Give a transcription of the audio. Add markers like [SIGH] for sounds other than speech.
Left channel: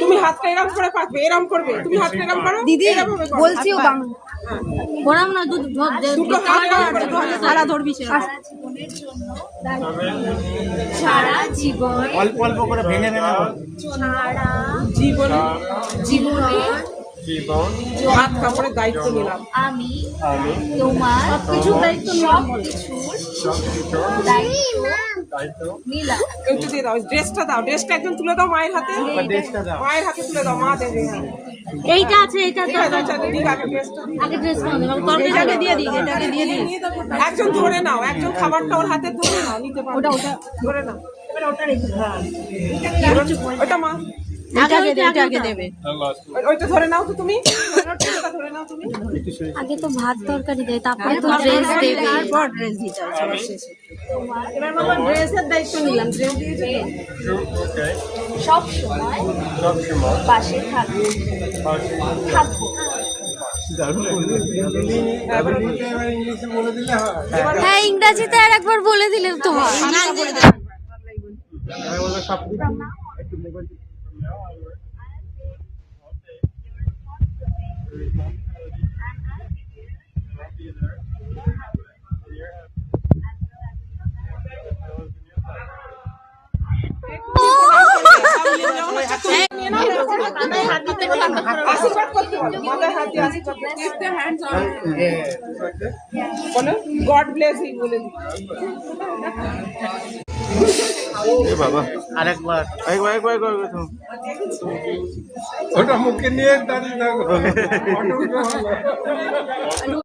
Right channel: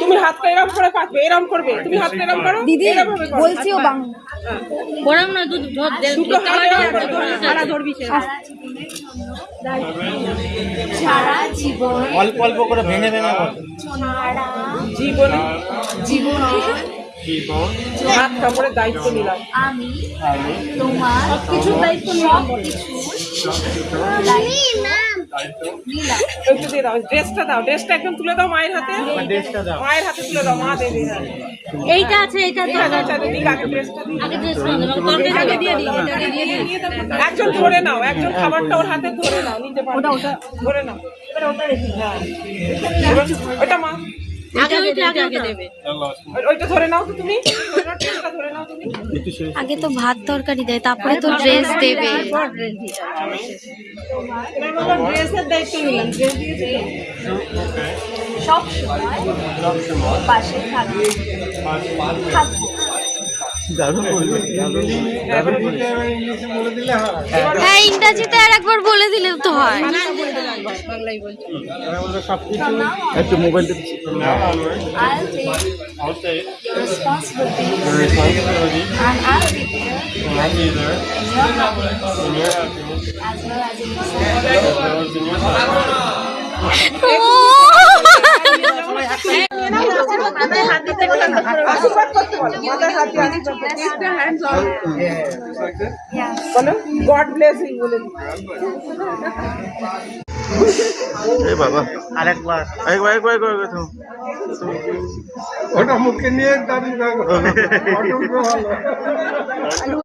তুমি হাতটা এরম করে পাতবে এরম করবে। তুমি হাতটা এরম করো দিদি এরম ভাবে করো। বলছিও হাতটা। বাংলা না দুধ ধর দে- দুটো সারা ধরবি সারা জীবন অল্প অল্প করে ভেঙে ভেঙে সারা জীবনে জীবন জীবন হাত কাপড়ের দায়িত্ব নিলাম। আমি তোমার সব কিছু দায়িত্ব নিলাম। একটু দিয়ে দাও ড্রেসটা দাও ড্রেসটা একদম তুলে দাও মায়ের হাতে ড্রেসটা দাও মায়ের হাতে তুলে দাও মা দেবে হ্যাঁ। এইটা আছে এইটা আছে ঠিক আছে আচ্ছা দিদি আগে ড্রেসটা দিই আগে ড্রেস করে দেবো তরকারি দিয়ে দিই এটাকে দিয়ে দিই নিয়ে দাও। একজন ধরে নাও একজন খাবারটা ওর হাতে ধরে নাও নিতে পারো ওটা ওটা ধরে নাও এবার ওটা রেখে দাও এবার ওটা মা আগে ওইটা আগে আগে দেবে ওই- ওইটা ধরে নাও তো তুমি ওটা ধরে নাও তুমি আগে তো ভাত তরকারি দেয় তারপরে তো ড্রেস দেবে এবার বাবা ড্রেসের দায়িত্ব নিলাম ড্রেস দিয়েছে ওকে সব সময় সব সময়। পাশে থাকবে। পাশে। থাকব। হ্যাঁ ইংরাজিতে আর একবার বলে দিলে তো হয়। বাংলাই in your happiness as well as in আশীর্বাদ বলো গড ব্লেস ইউ বলে এ বাবা। আরেকবার। একবার একবার একবার একবার। ওটা মুখে নিয়ে দাঁড়িয়ে [LAUGHS]